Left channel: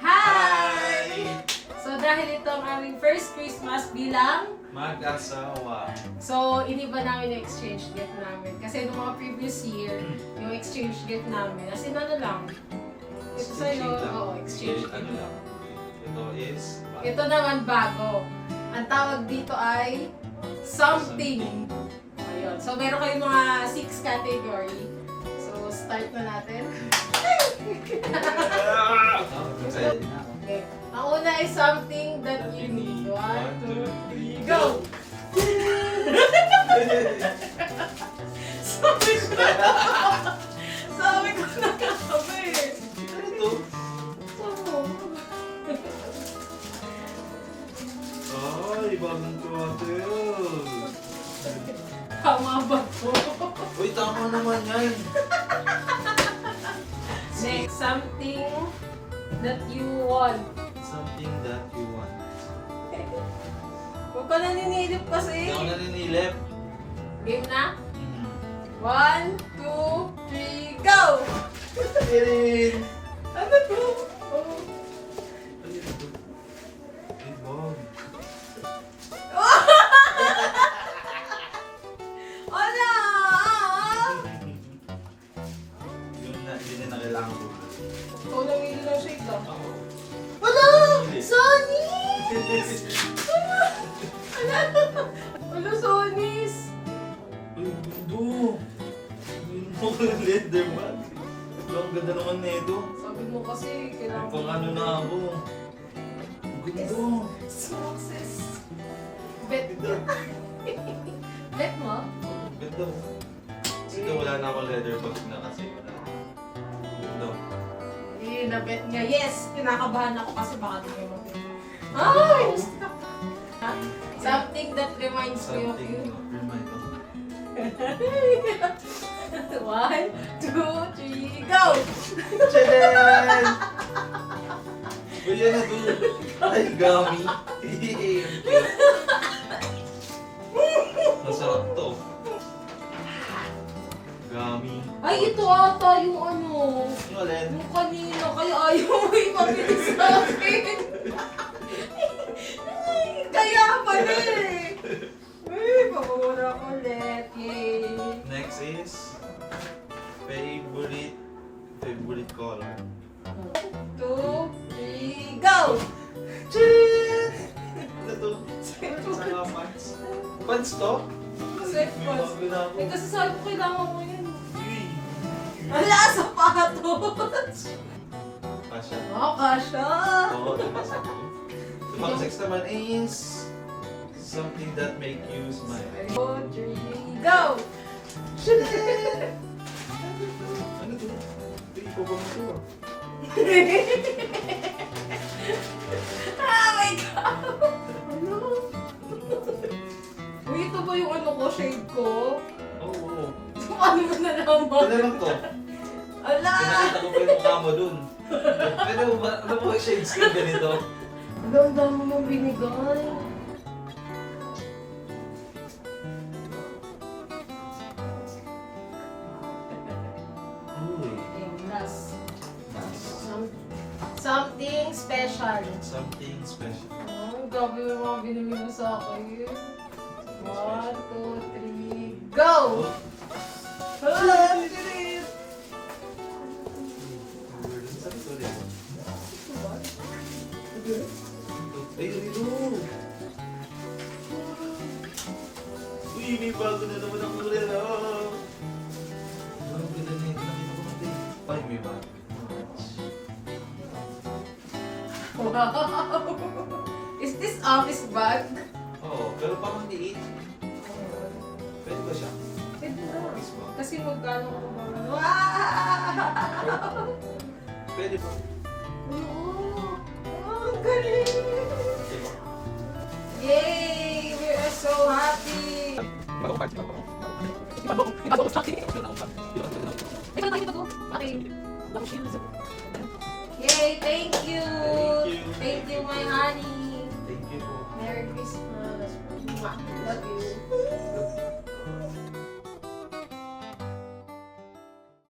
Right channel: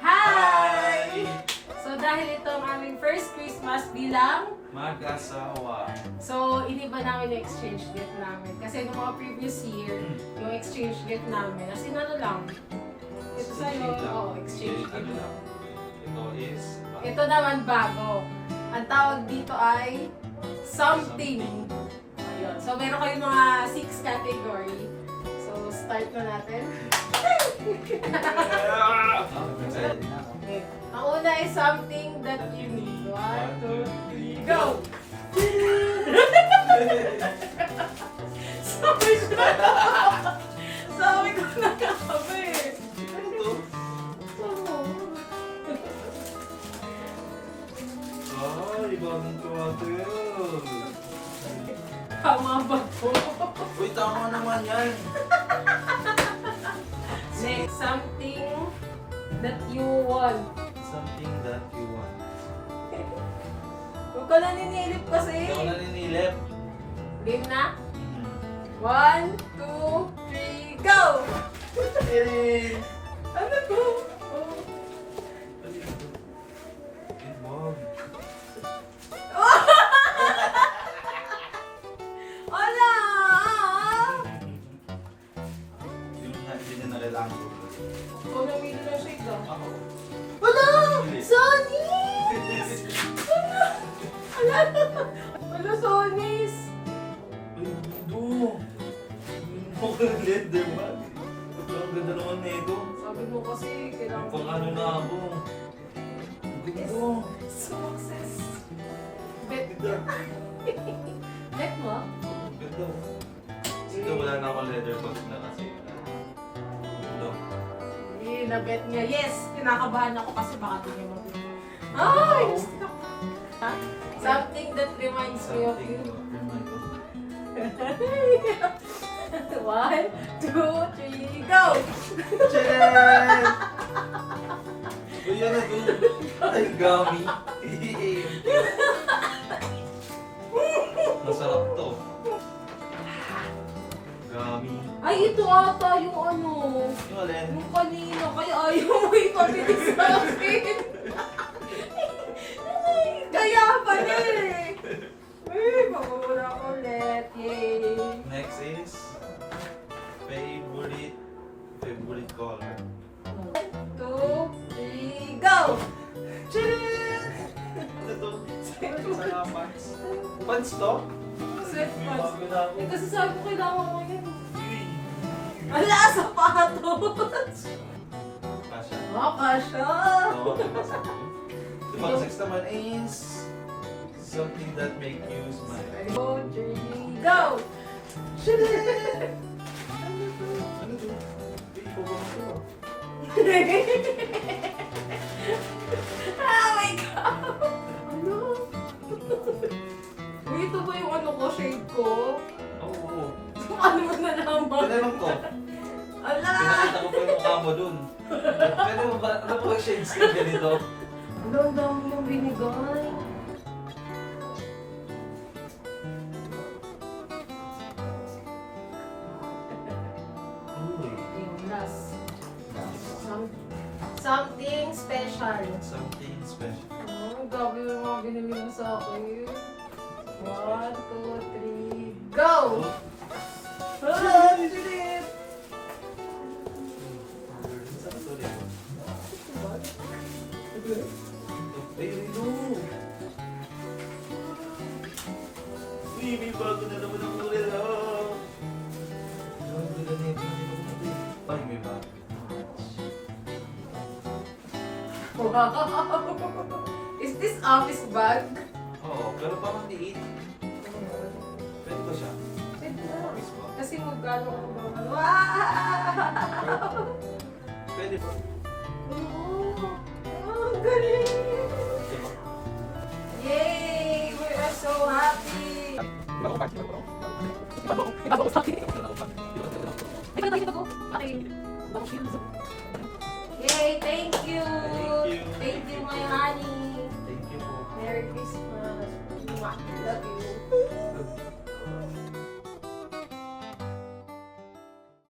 Hi! So dahil ito ang aming first Christmas bilang mag-asawa. so, iniba namin yung exchange gift namin. Kasi nung mga previous year, yung exchange gift namin, as in ano lang, ito sa'yo, exchange Ano gift. lang. Ito is... Ito naman bago. Ang tawag dito ay something. Ayun. So, meron kayong mga 6 category. So, start na natin. Excited na ako. Okay. Ang una ay something that you need. 1, 2, 3, go! Sabi ko na kami. Ano to? Ay, bagong tuwatil. Tama ba to? Uy, tama naman yan. Next, something that you want. Something that you want. Huwag ka naninilip kasi. Hindi ako naninilip. Game na? 1, 2, 3, go! Tirin! Ano to? Oh. Ay, wow. Wala! Yun na, hindi na kailangan ko. Ikaw nang hindi ng shade lang. Ako. Wala! Sonys! Wala, Sonys! Uy, mundo! Hindi mo ko ng LED, diba? Ang ganda naman na ito. Sabi mo kasi, kailangan Pang ano na ako. Ang ganda. Success. Bet. Ganda. Bet mo? Ang ganda. Sige, wala na akong leather bag na kasi. Ganda. Hindi, na-bet niya. Yes! Kinakabahan ako kasi baka di niya mag- Ay! Stuck. Ha? Something that reminds me of Something you. to remind of. 1, 2, 3, go! Tchadan! Uy, yan na doon. Ay, gami. Masarap to. Gami. Ay, ito ata yung ano. Yung alin? Yung kanina, kaya ayaw mo ipabilis sa akin. Kaya pala eh. Uy, pababara ko ulit. Yay! Next is favorite color. 2, 3, go! Tchadan! Ano to? Sa mga pants. Pants to? Sweatpants. Bago na ako. Eh, kasi sabi ko kailangan ko yan. Uy. Wala, sapatos! Kasha. Oh, kasha! Oo, yung mga sex naman is something that make you smile. 2, 3, go! Ano to? Uy, pabang to ah. Oh my God! Ano? Uy, ito ba yung ano ko, shade ko? Oo. Ano mo na naman? Tinanong ko. Ala! Pinakita ko pa yung mukha mo dun. Pwede mo ba, ano po shades ka ganito? Ano, ang dami mong binigay. Uy. Okay, last. Something special. Something special. Oh, grabe yung mga binili mo sa akin. 1, 2, 3, go! Ah, bilis! Saan ito rin? What? Ay, ito! Uy, may bago na naman ang relo! Ang ganda nito. Ay, may bago. Wow! Is this office bag? Oo, pero parang liit. Pwede ba siya? Pwede na. Office bag. Kasi magkano ang mga... Wow! Pwede ba? Oh, ang galing! Yay! We are so happy! Yay! Thank you! Thank you, my honey! Thank you po. Merry Christmas! Mwah! Love you! Love